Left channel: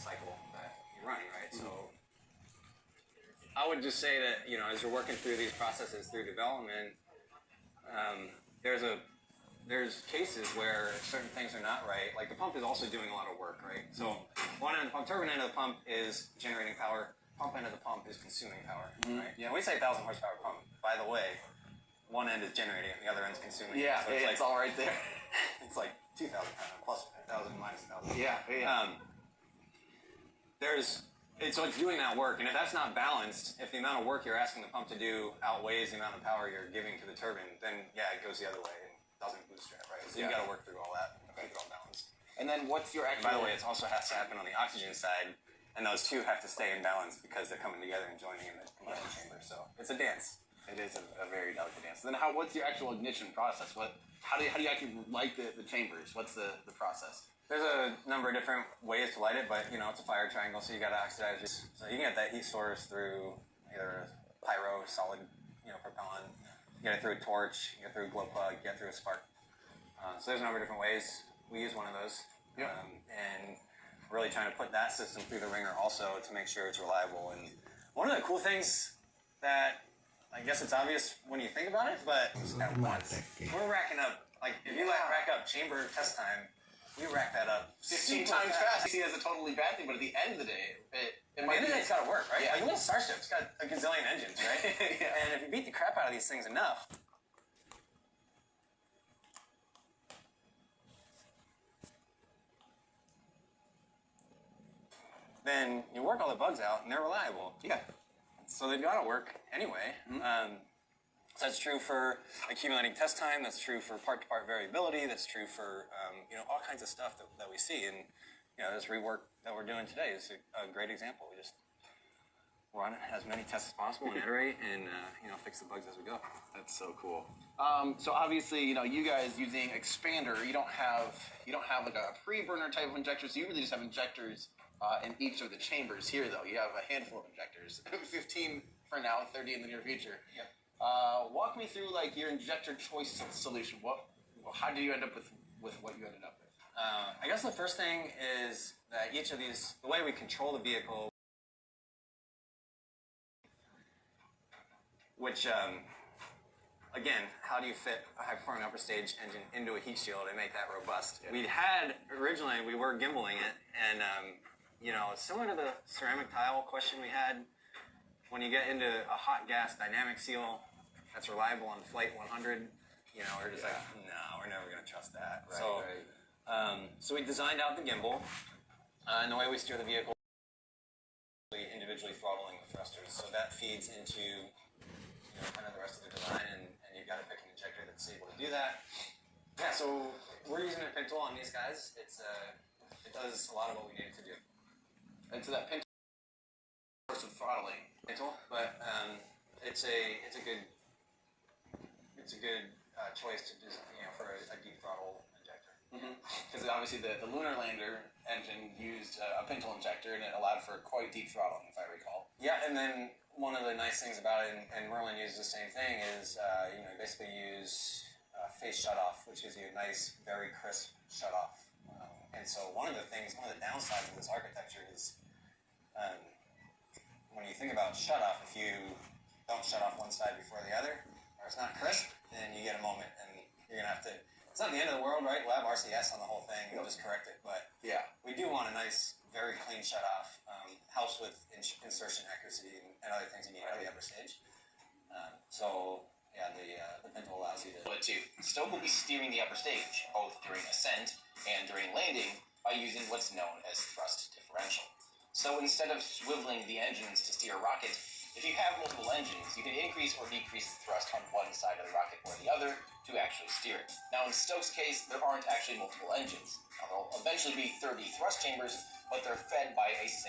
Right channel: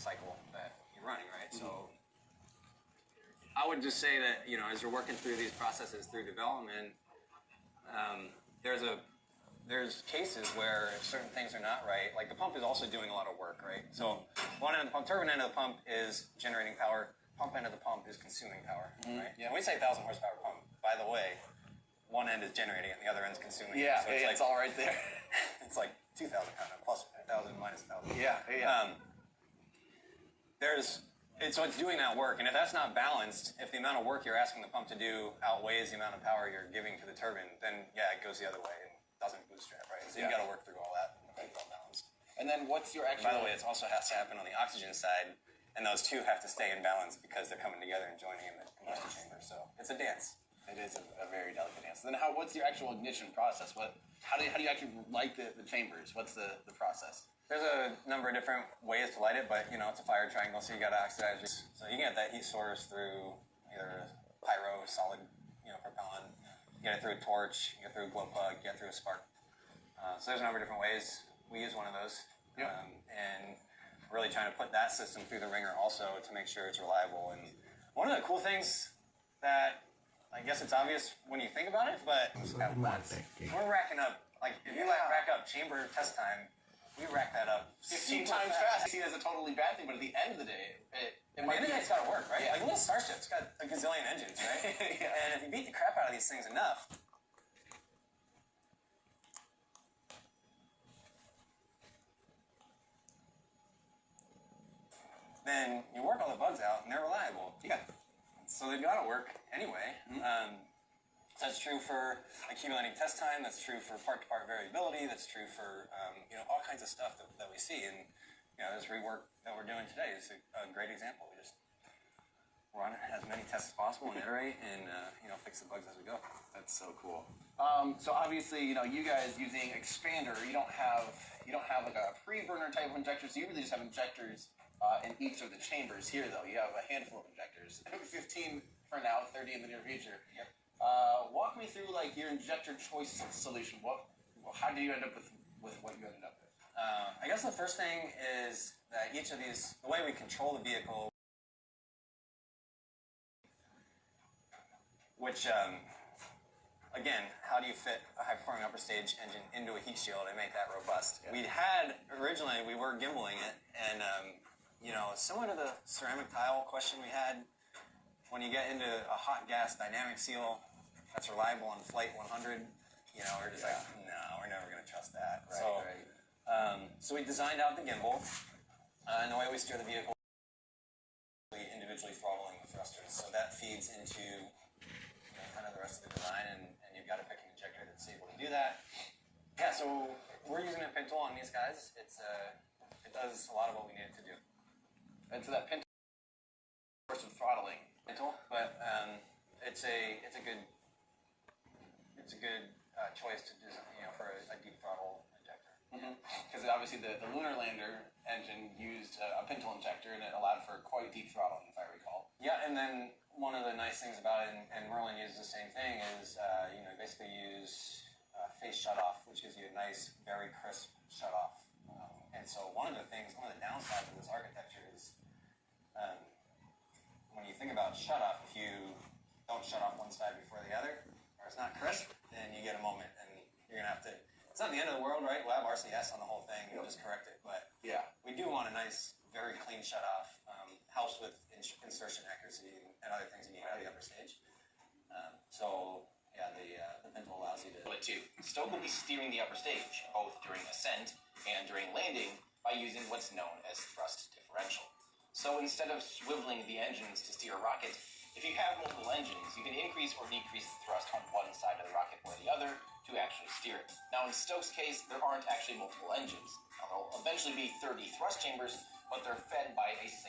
cycle that you're running, right? So I would just say that, you know, as you're working through these processes through development, there's cases where certain things are not right. Like the pump is also doing a lot of work, right? So one end of the pump, turbine end of the pump is generating power. Pump end of the pump is consuming power, right? Yeah, we say 1,000 horsepower pump. By the way, one end is generating it, and the other end's consuming. Yeah, so it's all right there. It's like 2,000 plus 1,000 minus 1,000. Yeah. So it's doing that work, and if that's not balanced, if the amount of work you're asking the pump to do outweighs the amount of power you're giving to the turbine, then yeah, it goes the other way and doesn't bootstrap, right? So you got to work through all that and keep it all balanced. And then what's your actual... By the way, it also has to happen on the oxygen side, and those two have to stay in balance because they're coming together and joining in the combustion chamber. So it's a dance. It is a very delicate dance. Then what's your actual ignition process? How do you actually light the chambers? What's the process? There's a number of different ways to light it, but, you know, it's a fire triangle, so you got to oxidize it. So you can get that heat source through either pyro, solid, you know, propellant. You get it through a torch, you get it through a glow plug, you get it through a spark. So there's a number of different ways. We use one of those. And really trying to put that system through the ringer also to make sure it's reliable. And one of the cool things that, I guess it's obvious when you think about it, but at once, we're racking up, like, if you rack up chamber test time, we rack that up 15 times fast. I see it as a totally bad thing, but at the end of the day, it might be... it's got to work, right? Yeah. Like a little Starship's got a gazillion engines, right? And if you beat the crap out of these things enough, then you work all the bugs out and they're reliable. Yeah. So they've got to work anyway. So that's true for accumulating test time. That's true for part-to-part variability. That's true for you know, all kinds of stuff that we see. And you know, this rework that we're doing today is a great example. We just run as many tests as possible and iterate and you know, fix the bugs as we go. That's so cool. So obviously, you know, you guys using expander, you don't have like a pre-burner type of injector. So you really just have injectors in each of the chambers. Here, though, you have a handful of injectors. 15 for now, 30 in the near future. Yep. Walk me through like your injector choice solution. How do you end up with what you ended up with? I guess the first thing is that each of these, the way we control the vehicle, which again, how do you fit a high-performing upper stage engine into a heat shield and make that robust? Yeah. Originally we were gimbaling it, and you know, similar to the ceramic tile question we had, when you get into a hot gas dynamic seal that's reliable on flight 100, you know, we're just like, no, we're never going to trust that. So we designed out the gimbal, and the way we steer the vehicle, individually throttling the thrusters. So that feeds into, you know, kind of the rest of the design, and you've got to pick an injector that's able to do that. Yeah, so we're using a pintle on these guys. It does a lot of what we need it to do. And so that pintle source of throttling. But it's a good choice to design, you know, for a deep throttle injector. Because obviously the lunar lander engine used a pintle injector, and it allowed for quite deep throttling, if I recall. Yeah, and then one of the nice things about it, and Merlin uses the same thing, is you know, basically use phase shutoff, which gives you a nice, very crisp shutoff. And so one of the downsides of this architecture is when you think about shutoff, if you don't shut off one side before the other, or it's not crisp, then you get a moment, and you're going to have to... It's not the end of the world, right? We'll have RCS on the whole thing. We'll just correct it. But yeah, we do want a nice, very clean shutoff. Helps with insertion accuracy and other things you need out of the upper stage. So, yeah, the pintle allows you to... But two, Stoke will be steering the upper stage, both during ascent and during landing, by using what's known as thrust differential. So instead of swiveling the engines to steer a rocket, if you have multiple engines, you can increase or decrease the thrust on one side of the rocket or the other to actually steer it. Now in Stoke's case, there aren't actually multiple engines. Now, there'll eventually be 30 thrust chambers, but they're fed by a single